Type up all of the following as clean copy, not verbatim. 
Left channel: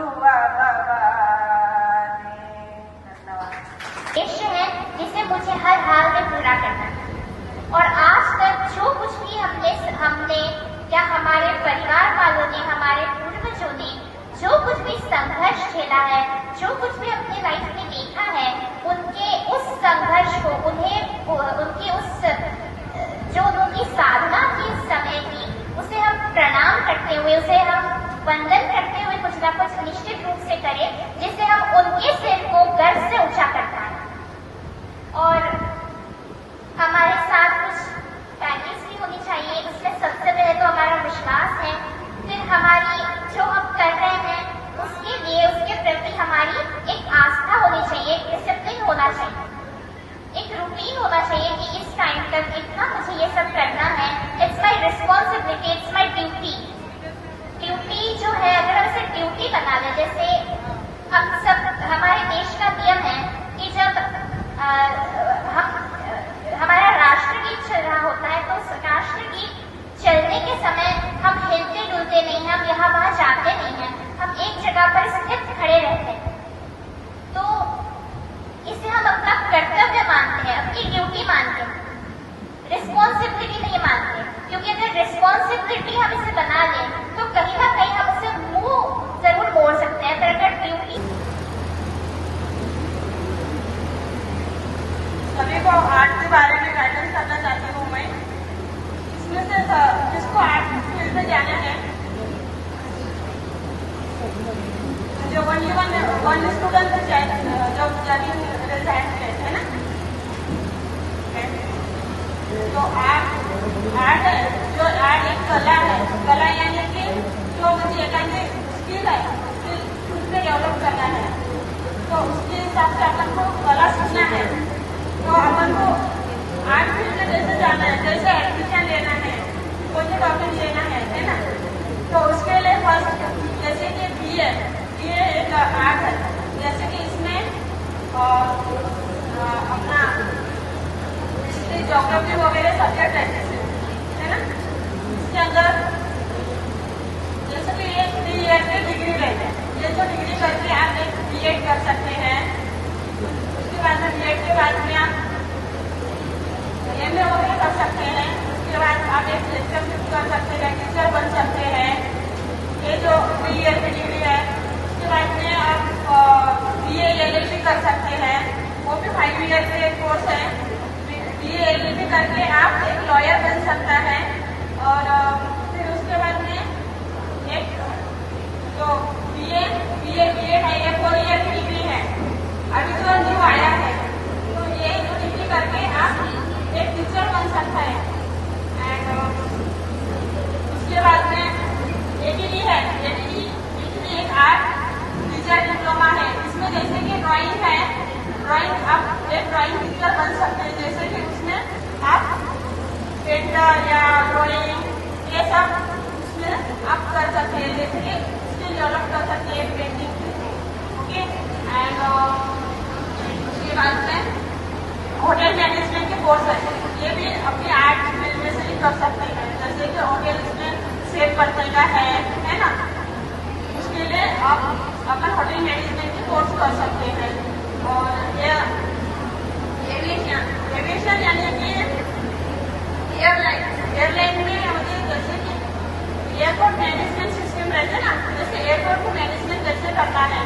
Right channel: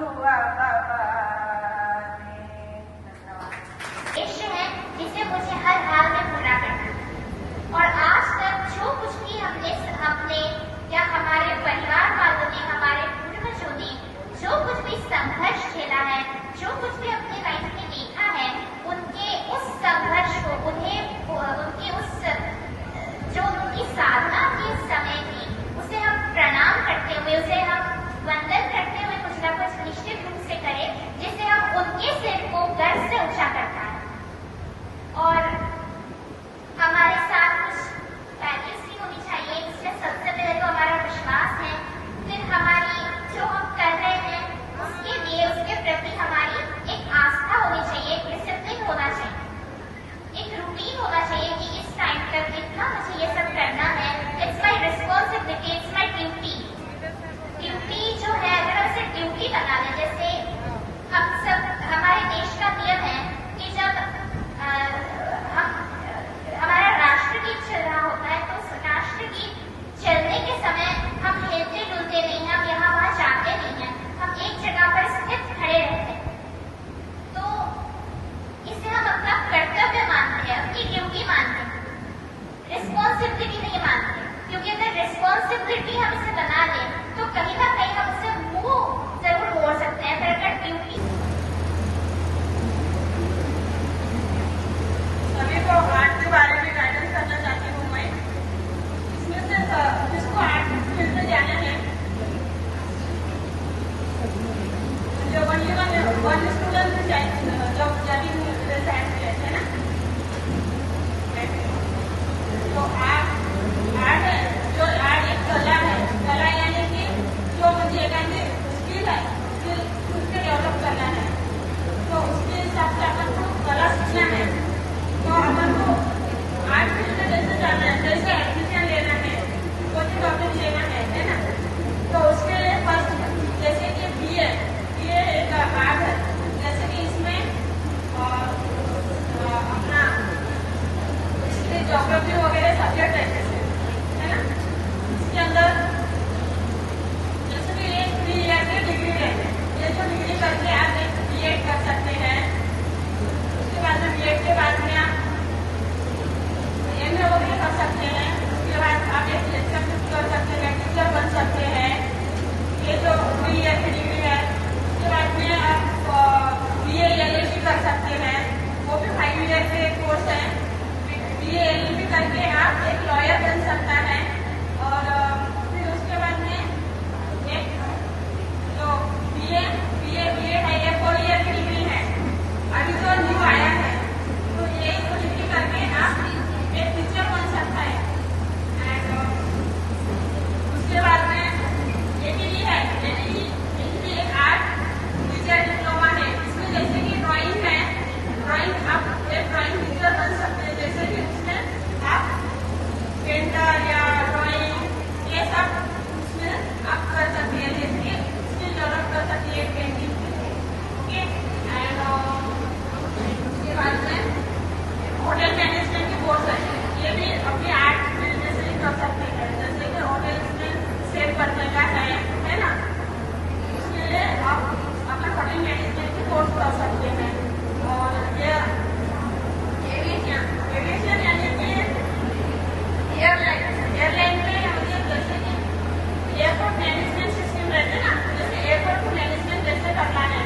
हुआ देश है जिसे मुझे हर हाल में पूरा करना है। और आज तक जो कुछ भी हमने या हमारे परिवार वालों ने, हमारे पूर्वजों ने जो कुछ भी संघर्ष झेला है, जो कुछ भी अपने लाइफ में देखा है, उनके उस संघर्ष को, उनकी साधना की समय की, उसे हम प्रणाम करते हुए, उसे हम वंदन करते हुए कुछ ना कुछ निश्चित रूप से करें, जिससे हम उनके सिर को गर्व से ऊंचा कर पाए। और हमारे साथ कुछ वैल्यूज भी होनी चाहिए। इसमें सबसे पहले तो हमारा विश्वास है, फिर हमारी जो हम कर रहे हैं उसके लिए, उसके प्रति हमारी एक आस्था होनी चाहिए, डिसिप्लिन होना चाहिए, एक रूटीन होना चाहिए कि इस टाइम तक इतना मुझे ये सब करना है। It's my responsibility, it's my duty. Duty जो है, अगर इसे ड्यूटी बना लें, जैसे हम सब, हमारे देश का नियम है कि जब हमारा राष्ट्रगीत चल रहा होता है तो उस राष्ट्रगीत चलने के समय हम हिलते डुलते नहीं हैं, हम यहाँ वहाँ जाते नहीं हैं, हम एक जगह पर स्थित खड़े रहते हैं। तो इसे हम अपना कर्तव्य मानते हैं, अपनी ड्यूटी मानते हैं, रिस्पॉन्सिबिलिटी नहीं मानते। क्योंकि अगर रिस्पॉन्सिबिलिटी हम इसे बना लें तो कहीं ना कहीं हम उसे मुंह जरूर मोड़ सकते हैं। अगर ड्यूटी सभी को आर्ट के बारे में गाइडेंस करना चाहती हूँ मैं। इसमें से जिसको आर्ट फील्ड में जाना है, जो वन स्टूडेंट जो जजिंग प्रेजेंट है ना, जो आर्ट है, जो आर्ट एक कला है, कला यानी कि जो मुझे एकांतिक स्किल है, उसमें डेवलप करना है। तो उसके हिसाब से अपन को कला सीखना है। तो अपन को आर्ट फील्ड में जैसे जाना है, जैसे एडमिशन लेना है, कोई टॉपिक लेना है ना, तो उसके लिए फर्स्ट जैसे कि बीए एक आर्ट है। जैसे कि इसमें अपना हिस्ट्री, ज्योग्राफी वगैरह सब्जेक्ट है ना, इसके अंदर जैसे कि ये बीएड की डिग्री है, ये जो डिग्री करके आप एक बीएड कर सकते हैं। उसके बाद में बीएड के बाद में आप एमए वगैरह कर सकते हैं। उसके बाद आप एक लेक्चर कर सकते हैं, टीचर बन सकते हैं। ये जो बीए की डिग्री है, उसके बाद में आप बीए एलएलबी कर सकते हैं, वो भी 5 ईयर के कोर्स है। बीए एलएलबी करके आप एक लॉयर बन सकता है। और फिर उसके बाद में एक जो बीएड है, ये 4 ईयर की डिग्री है, अभी जो न्यू आया है, तो ये डिग्री करके आप एक टीचर बन सकता है। एंड उसके बाद में एडीडी है, एडीडी एक आर्ट टीचर डिप्लोमा है। इसमें जैसे कि ड्राइंग है, ड्राइंग आप एक ड्राइंग टीचर बन सकते हैं। जैसे कि उसमें आप पेंटर या ड्राइंग ये सब उसमें आप कर सकते हैं, जैसे कि उसमें डेवलप कर सकते हैं पेंटिंग। ओके, एंड उसके बाद में होटल मैनेजमेंट की कोर्स है, ये भी अपनी आर्ट फील्ड में से कर सकते हैं। जैसे कि होटल इसमें सेव करने का है ना, उसके लिए आप अपना होटल मैनेजमेंट की कोर्स कर सकते हैं। और ये एविएशन यानी कि एयरलाइन में मुझे जैसे कि एयरपोर्ट मैनेजमेंट सिस्टम रहता है ना, जैसे एयरपोर्ट को मैनेजमेंट कैसे करना है,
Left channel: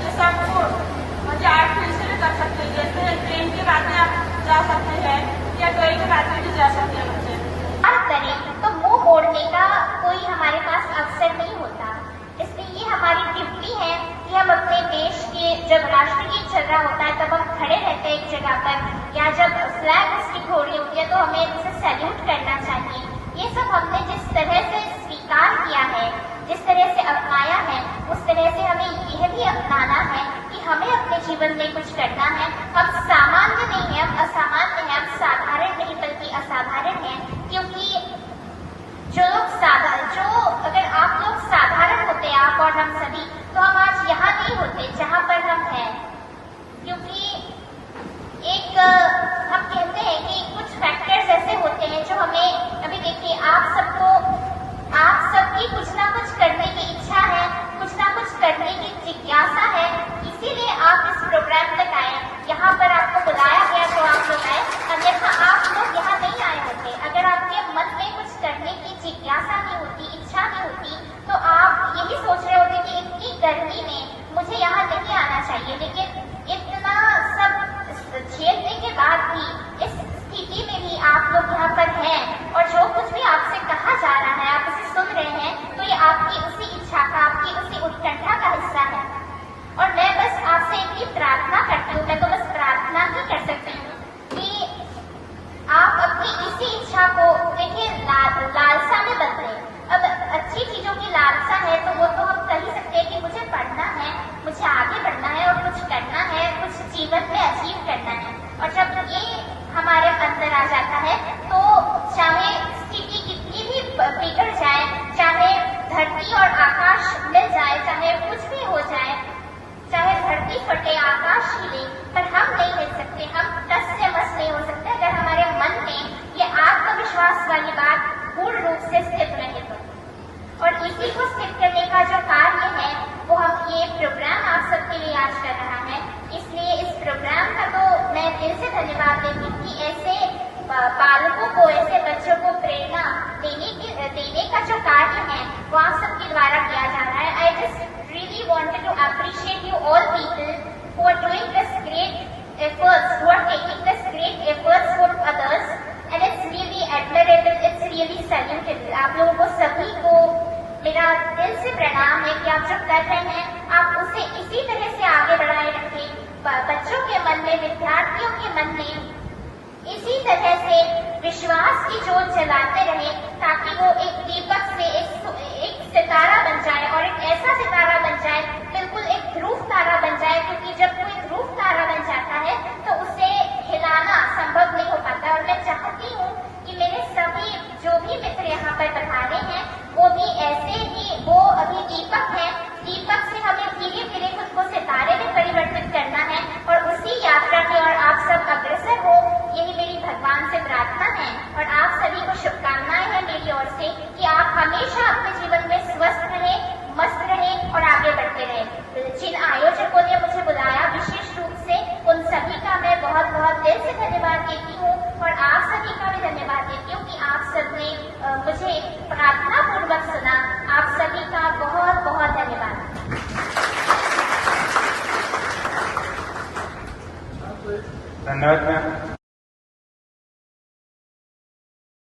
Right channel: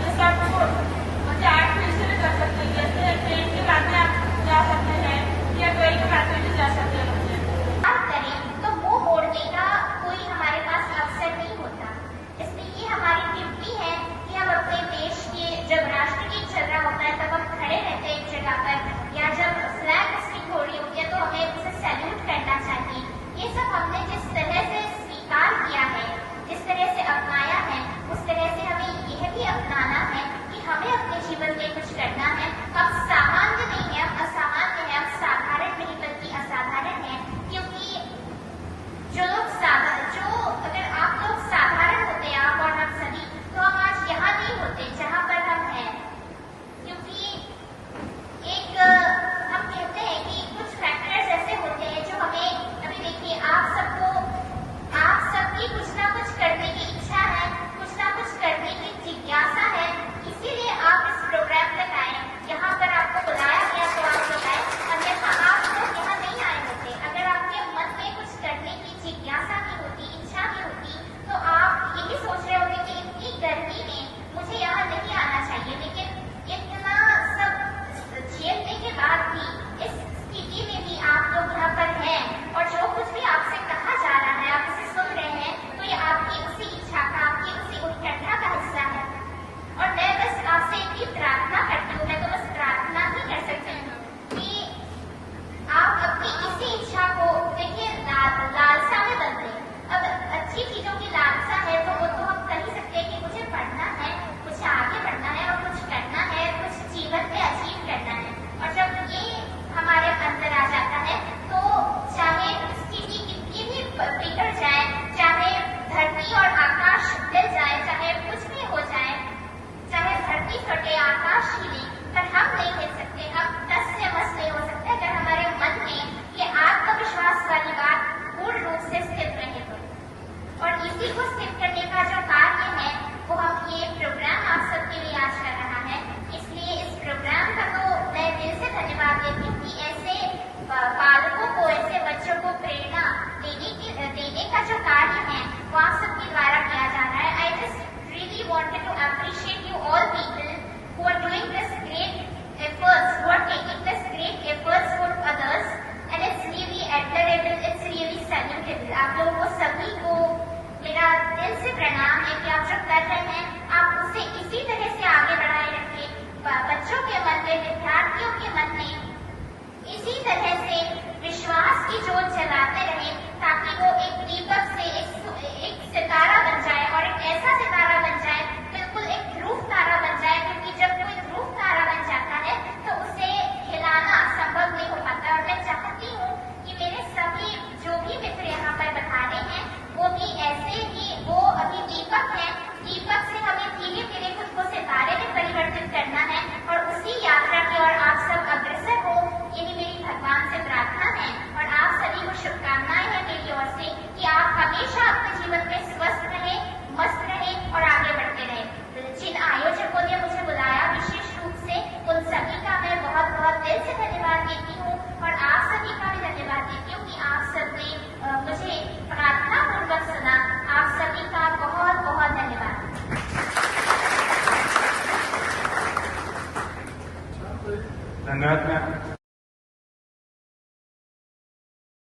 ये सब मुझे आर्ट फील्ड से भी कर सकते हैं। जैसे ट्रेन के बाद में आप जा सकते हैं या ट्रेन के बाद में भी जा सकते हैं। बात करें तो मुंह मोड़ने का कोई हमारे पास अवसर नहीं होता। इसलिए ये हमारी ड्यूटी है कि हम अपने देश के, जब राष्ट्रगीत चल रहा होता है तब हम खड़े रहते हैं एक जगह पर, या जब फ्लैग होस्टिंग हो रही होती है तो हमें उसे सैल्यूट करना चाहिए। ये सब हमने जिस तरह से स्वीकार किया है, जिस तरह से अपनाया है, उस तरह से हमें यह भी अपनाना है कि हमें अपने जीवन में कुछ करना है। हम सामान्य नहीं है, हम असामान्य है, हम साधारण नहीं बल्कि असाधारण है। क्योंकि जो अगर आप लोग साधारण होते, आप और हम सभी, तो हम आज यहाँ नहीं होते जहाँ पर हम हैं। क्योंकि एक हम कहते हैं कि कुछ फैक्टर्स ऐसे होते हैं जो हमें, अभी देखिए आप सबकी कुछ ना कुछ करने की इच्छा है, कुछ ना कुछ करने की सबको, ऐसे बच्चों को प्रेरणा देने का जो कार्य है वो आप सबके द्वारा किया जा रहा है। I just really wanted to appreciate you all people who are doing this great efforts, who are taking this great efforts for others, and it's really admirable, it's really salutable. आप लोगों को सभी को मेरा दिल से प्रणाम है कि आप जो कर रहे हैं आप उसे इसी तरह से आगे बढ़ाए रखें। बच्चों के मन में, विद्यार्थियों के मन में इसी तरह से विश्वास की जोत जलाते रहे ताकि वो एक दीपक से एक सितारा बन जाए और एक ऐसा सितारा बन जाए, बिल्कुल एक ध्रुव तारा बन जाए, क्योंकि जब कोई ध्रुव तारा बन जाता है तो उसे हिलाना संभव नहीं हो पाता। और मैं चाहती हूँ कि मेरे सभी जो भी मित्र यहाँ पर पधारे हैं वो भी ऐसे ही, वो अभी दीपक है, दीपक से हमें धीरे धीरे खुद को सितारे में परिवर्तित करना है और उसी यात्रा की ओर आप सब अग्रसर हो, यही मेरी भगवान से प्रार्थना है। और आप सभी को शुभकामनाएं हैं मेरी ओर से कि आप हमेशा अपने जीवन में स्वस्थ रहे, मस्त रहे और आगे बढ़ते रहे। जिन आयोजकों ने मुझे बुलाया विशेष रूप से उन सभी का मैं बहुत बहुत दिल से धन्यवाद देती हूँ और आप सभी का भी धन्यवाद देती हूँ कि आप सबने मुझे प्रार्थना पूर्वक सुना। आप सभी का बहुत बहुत धन्यवाद। धन्यवाद मैम।